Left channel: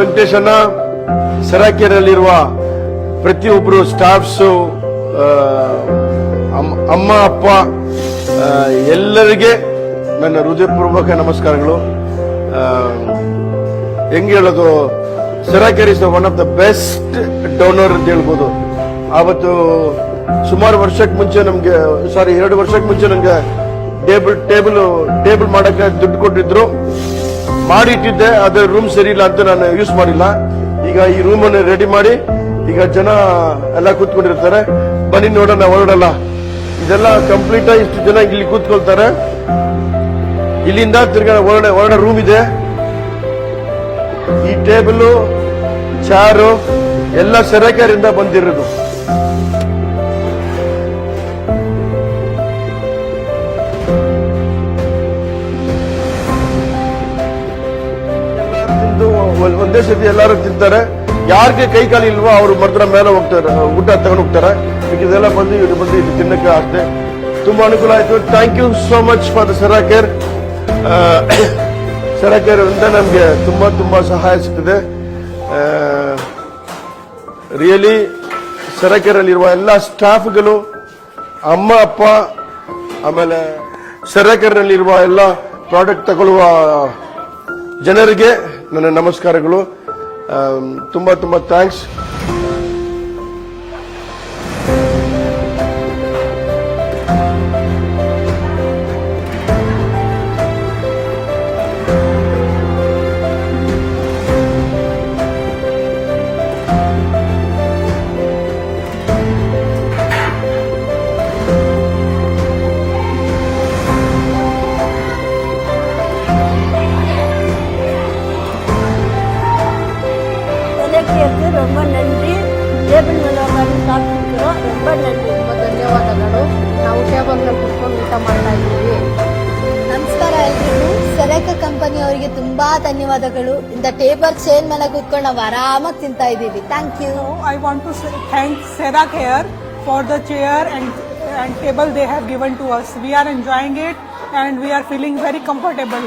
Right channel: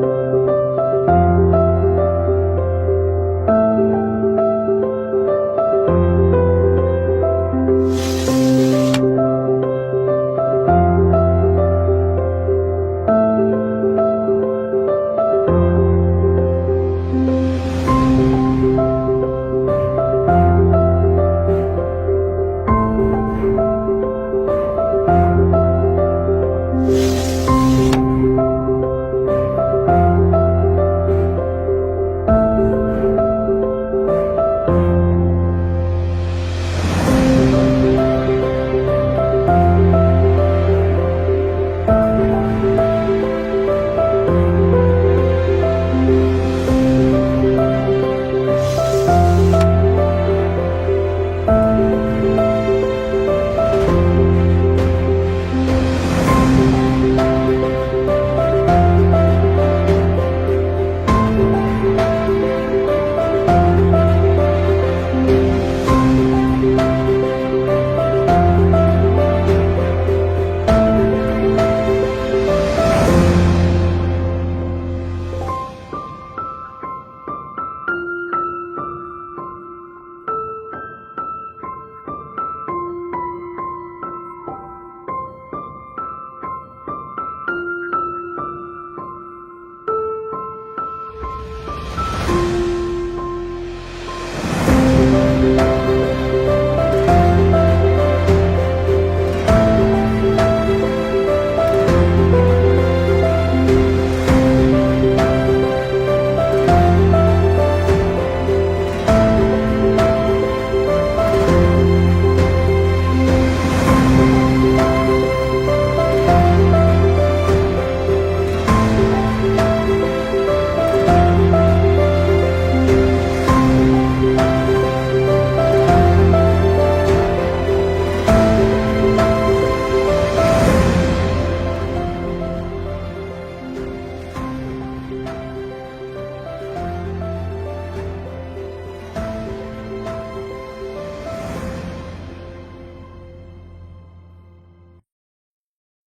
ವೆಂಕಟೇಶಣ್ಣ, ಸರಾಕೆರೆಯಲ್ಲಿರುವ ಪ್ರತಿಯೊಬ್ಬರು ಸ್ಟಾಫ್ಸ್, ಅಮ್ಮ ಅಪ್ಪ ಎಲ್ಲರಿಗೆ ನನ್ನ ಹೃದಯಪೂರ್ವಕ ನಮಸ್ಕಾರಗಳು. ಹೆಂಗೆ ಹೇಳೋದು, ಸರಾಕೆರೆ is one of the best donor ಅಂತ ಹೇಳ್ಬೋದು. ಆವತ್ತು ಸುಮಾರು ವರ್ಷಕ್ಕೆ ಮುಂಚೆ ನಮ್ಗೆ 2 ವರ್ಷಕ್ಕೆ ಮುಂಚೆ ನಂಗೆ ಟೇಬಲ್ ಮಾಡಕ್ಕೆ ದುಡ್ಡು ಕೊಟ್ಟಿದ್ರು. ಮಾಡಿಟ್ಟಿದ್ದೆ, ಅದ್ರ ರೂಮ್ ಸರಿ ಇಲ್ಲ ಅಂತ ನಾನು ಯೂಸ್ ಮಾಡಿಲ್ಲ. ಈಗ ಈ ರೂಮ್ ಅನ್ನು ರೆಡಿ ಮಾಡಿ ಈಗ ಜನ ಎಲ್ಲ ಕೂತ್ಕೊಂಡಿರ್ತಾರೆ. ಬನ್ನಿ ನೋಡೋಣ, ಹೊರಡಲ್ಲ. ಇದೆಲ್ಲ ಕಂಪ್ಲೀಟ್ ಆಗಿ ಇಷ್ಟು ಜನ ಇಲ್ಲಿ ಕೂತ್ಕೊಳ್ತಾರೆ. ಇಲ್ಲಿಂದ ತಿರ್ಗಾ ಹೊರಡ ರೂಮ್ ಇದೆ. ಈ ಟೇಬಲ್, ಚಾರು ಎಲ್ಲ ಸರಕಾರಿಂದ ಬಂದಿರೋದು. ಒಂದೇ ಸತಿ ಎಲ್ಲರೂ ತಿಂತಾರೆ. ಯಾರಿಗೆ ಕೈ ಕಾಲು ಇಲ್ವೋ ಅವ್ರು ಮಾತ್ರ ಮೇಲೆ ಹೋಗ್ತಾರೆ, ಊಟ ತಗೊಂಡು ಹೋಗ್ತಾರೆ. ಇದೆಲ್ಲ ಬಂದು ಇದು ತಿನ್ನಕ್ಕೆ ಅಷ್ಟೇ. ತುಂಬಾ ಅನುಕೂಲ ಆಯ್ತು. Thank you so much for the ಸರಾಕೇರ್. ಸರಾಕೇರ್ ಅಂತ ನಮ್ಗೆ ತುಂಬಾ ಸಹಾಯ ಸಿಗ್ತದೆ. ರಿಯಲಿ ಸರಾಕೇರಲ್ಲಿರುವ ಎಲ್ಲ ಸ್ಟಾಫ್ಗಳು, ಅಮ್ಮ ಅಪ್ಪ, ಆಮೇಲೆ ಸರಾಕೇರ್ನಲ್ಲಿರುವ ಎಲ್ಲ ಪ್ರಾಡಕ್ಟ್ ತಗೊಳ್ಳುವ ಜನರಿಗೆ ನನ್ನ ನಮಸ್ಕಾರಗಳು. ತುಂಬಾ ಥ್ಯಾಂಕ್ಸ್. ಧನ್ಯವಾದಗಳು. ಇಂದ ಟೇಬಲ್ ಚೇರ್ ಮೇಲೆ ಕೂತ್ಕೊಂಡು ನಾವು ಆರಾಮಾಗಿ ತಿಂತಾ ಇದ್ದೀವಿ. Thank you. I want to thank Seracare for the chair and table they have given to us. We are enjoying it and we are feeling very comfortable.